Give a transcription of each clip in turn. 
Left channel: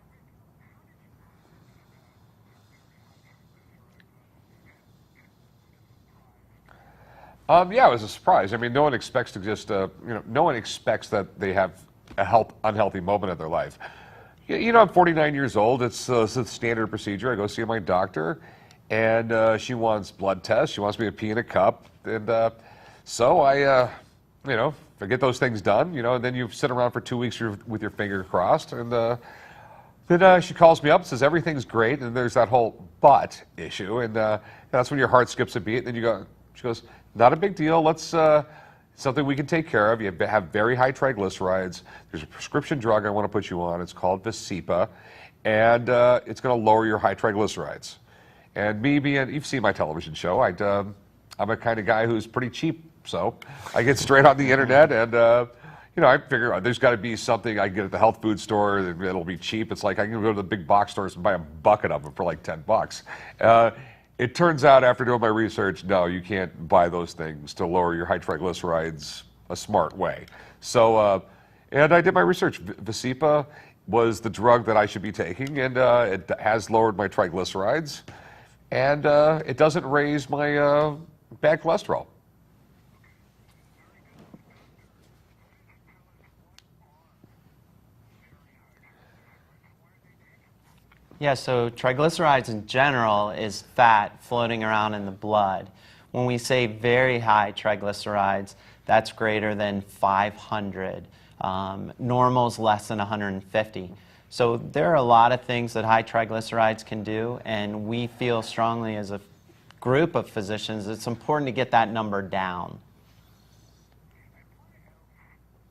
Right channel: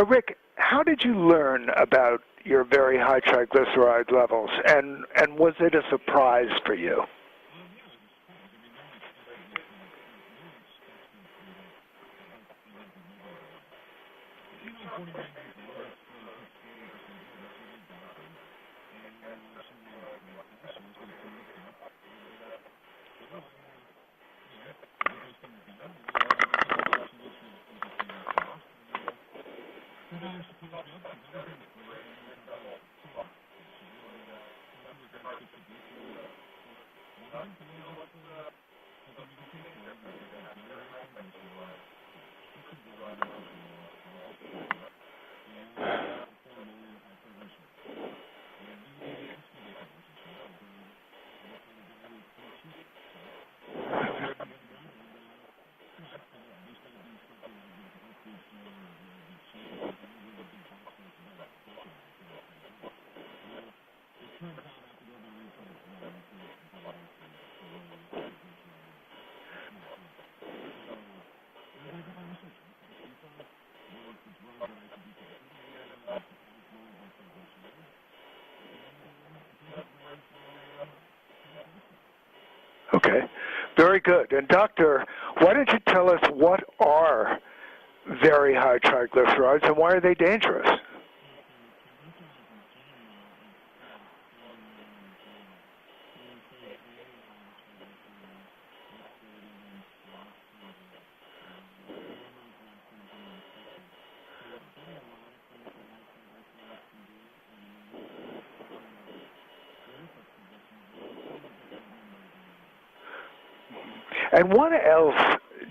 So, Rick, how did you learn about your very high triglyceride levels, and was it a surprise for you? Yeah, it was a surprise. I mean, no one expects to just, no one expects that they have a unhealthy moment in their life. You know, I'm 49 years old. It's a standard procedure. I go see my doctor, and she wants blood tests. She wants me to pee in a cup, and so I, I get those things done. You know, and then you sit around for 2 weeks with your finger crossed, and then she calls me up and says everything's great, and there's that whole but issue, and that's when your heart skips a beat. And then she goes, not a big deal. Let's something we can take care of. You have very high triglycerides. There's a prescription drug I want to put you on. It's called Visipa, and it's going to lower your high triglycerides. And me being, you've seen my television show. I'm a kind of guy who's pretty cheap, so I get straight on the internet, and I figure there's got to be something I can get at the health food store that'll be cheap. It's like I can go to the big box stores and buy a bucket of them for like $10. It turns out after doing my research, no, you can't buy those things to lower your high triglycerides a smart way. So, and I did my research. Visipa was the drug that I should be taking, and it has lowered my triglycerides, and it doesn't raise my bad cholesterol. Okay, very good. And doctor, why don't you tell us what are very high triglycerides and why are they dangerous? Yeah, so triglycerides in general is fat floating around in the blood. When we say very high triglycerides, that's greater than 500. Normal's less than 150. So there are a lot of things that high triglycerides can do, and we feel strongly as a group of physicians it's important to get that number down. And what else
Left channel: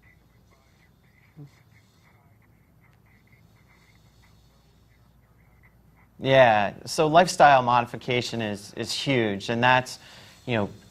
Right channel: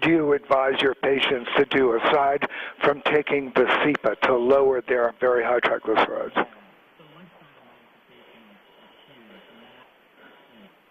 do you advise your patients to do aside from taking Visipa to lower their very high triglycerides? Yeah, so lifestyle modification is huge, and that's,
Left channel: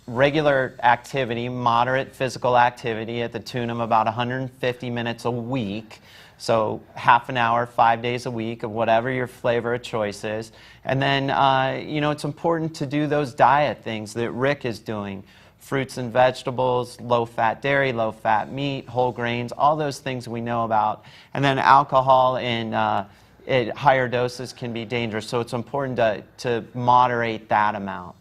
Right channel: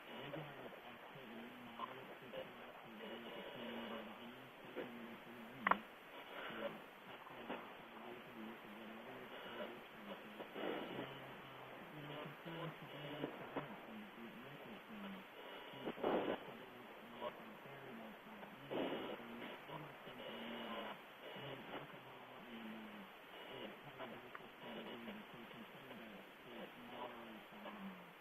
regular activity, moderate physical activity at the tune of about 150 minutes a week. So half an hour, 5 days a week of whatever your flavor of choice is. And then, it's important to do those diet things that Rick is doing. Fruits and vegetables, low-fat dairy, low-fat meat, whole grains, all those things we know about. And then alcohol in at higher doses can be dangerous, so it's important to moderate that amount.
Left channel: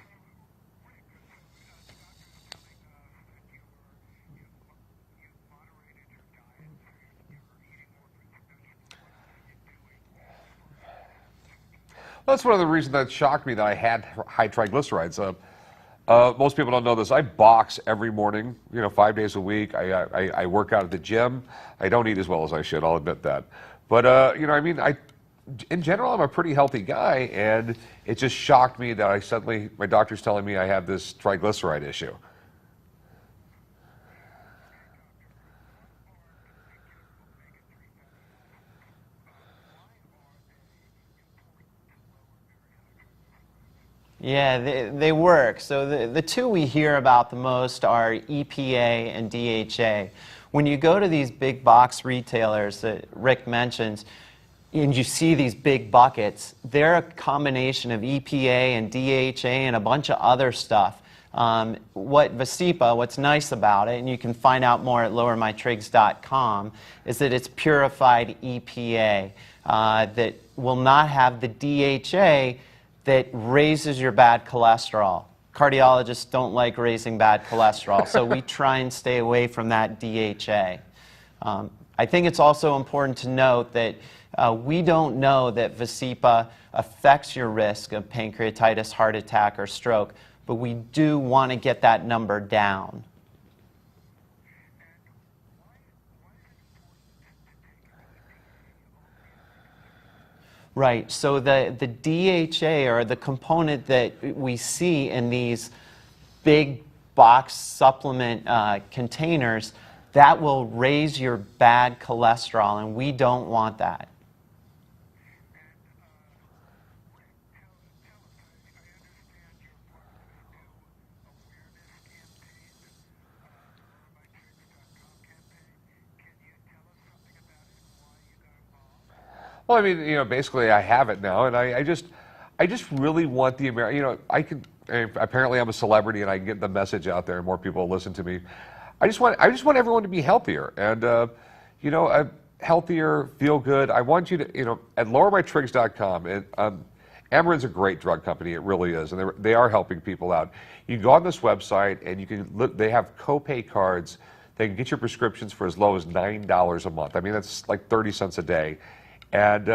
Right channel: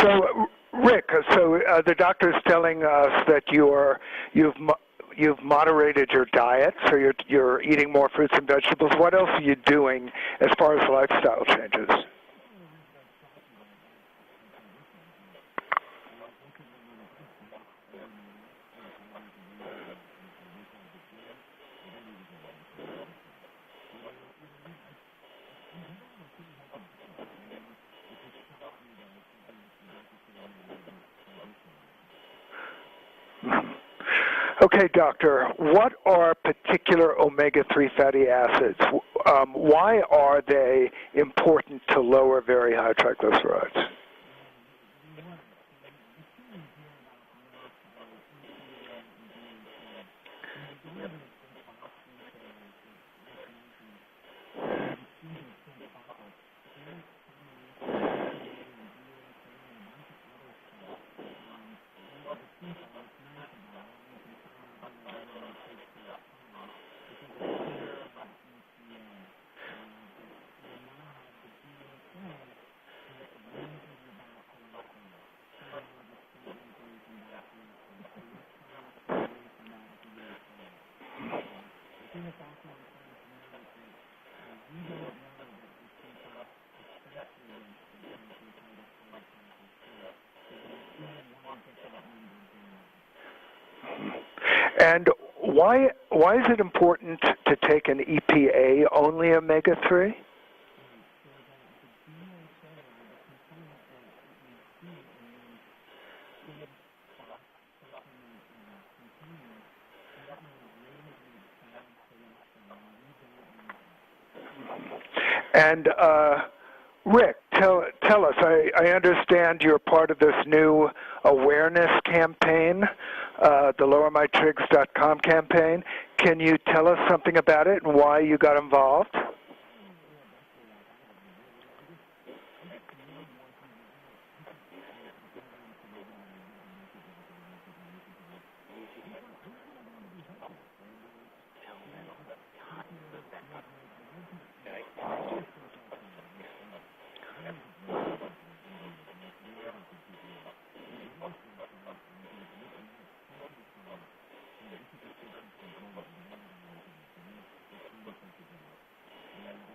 So, Rick, the doctor's telling us that you've moderated your diet, so you're eating more fruits and vegetables. What else are you doing as far as lifestyle changes? Well, that's one of the reasons that shocked me that I had high triglycerides. Most people don't know this. I box every morning, 5 days a week. I work out at the gym. I don't eat as well as I should, I'll admit that. But, in general, I'm a pretty healthy guy, and it just shocked me that my doctor's telling me I have this triglyceride issue. Okay, doctor, what are particular omega-3 fatty acids? Why are they important to lower very high triglycerides? Yeah, they work. So the two we hear about the most are EPA and DHA. When you go to these big box retailers that Rick mentions, and you see these big buckets, they're a combination of EPA and DHA and a bunch of other stuff. What's nice about it, and you can find out more at lowermytrigs.com, is that it's purified EPA that will not have the DHA that raises your bad cholesterol. Cardiologists don't like raising bad cholesterol, so we try and stay away from that DHA. I think it's also important to note that we don't know that Visipa affects your risk of pancreatitis, heart attack, or stroke, but we do want to get that number down. And why is it important to take an EPA-only omega-3? Right, so the DHA, or the component that we see in these big box supplement containers, that will raise your bad cholesterol, and we don't want that. And Rick, tell us, I understand you're part of this new awareness campaign, the lowermytrigs.com campaign. Can you tell us something about it and why you got involved? Well, I mean, basically I have it now, and I just really want the American, apparently I'm a celebrity and I can get the message out there and more people listen to me. I just want everyone to be healthier, and healthier, feel good, I want you to, at lowermytrigs.com, and Amarin's a great drug company, it really is, and they are helping people out. You can go on this website and you can look, they have copay cards. They can get your prescriptions for as low as $9 a month. I mean, that's like 30 cents a day. And,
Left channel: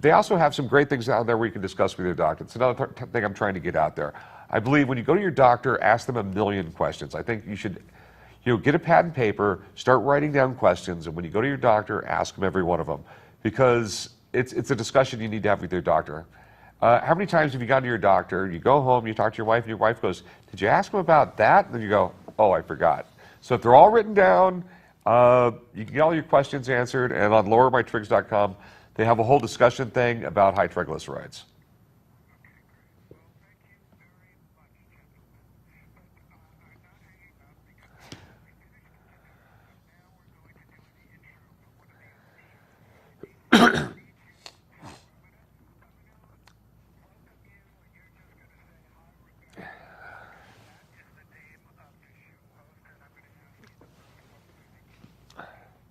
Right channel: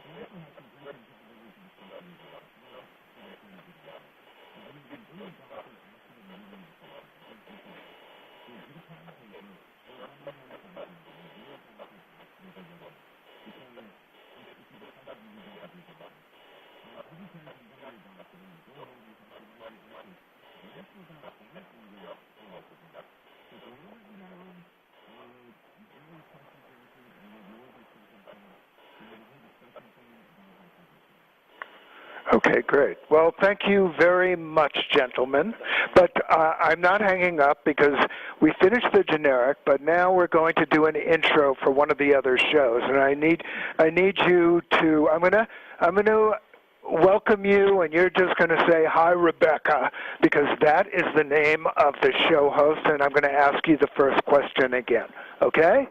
they also have some great things out there where you can discuss with your doctor. It's another thing I'm trying to get out there. I believe when you go to your doctor, ask them a million questions. I think you should, get a pad and paper, start writing down questions, and when you go to your doctor, ask them every one of them, because it's a discussion you need to have with your doctor. How many times have you gone to your doctor, you go home, you talk to your wife, and your wife goes, did you ask him about that? And then you go, oh, I forgot. So if they're all written down, you can get all your questions answered, and on lowermytrigs.com, they have a whole discussion thing about high triglycerides. Okay, great. Well, thank you very much, gentlemen. But I'm not hanging up because we finished the generic, but now we're going to do an intro for one of the other shows, and I need you to. I'm gonna welcome you, and you're just going to say hi, Rebecca, because that is the name of the show host, and I'm going to ask you the first question again. Okay?